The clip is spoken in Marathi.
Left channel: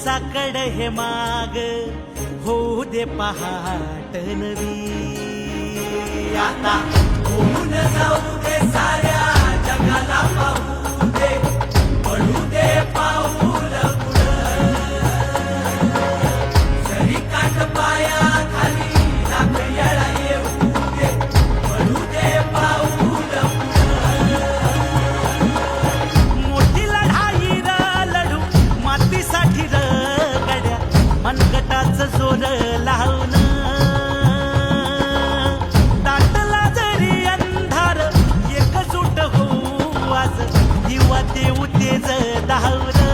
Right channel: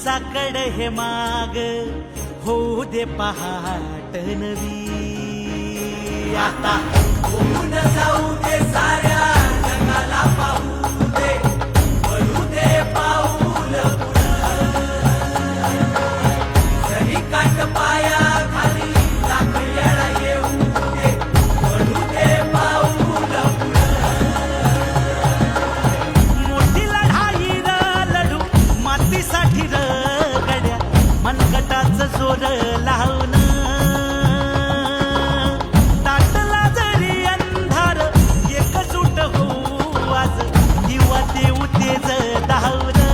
दिवसाकड हे माग होऊ दे पहाट नवी आता होऊन जाऊ दे साऱ्या जगाला पाहू दे पडू दे पाऊल जरी काट पाया खाली लागलेला येऊ दे पडू दे पाऊल मोठी लढाई र लढू मातीसाठी र गड्या मनगटाचं जोर लावून दाटला जरी अंधार एकजूट होऊ आज दिवा देऊ तेज धावलं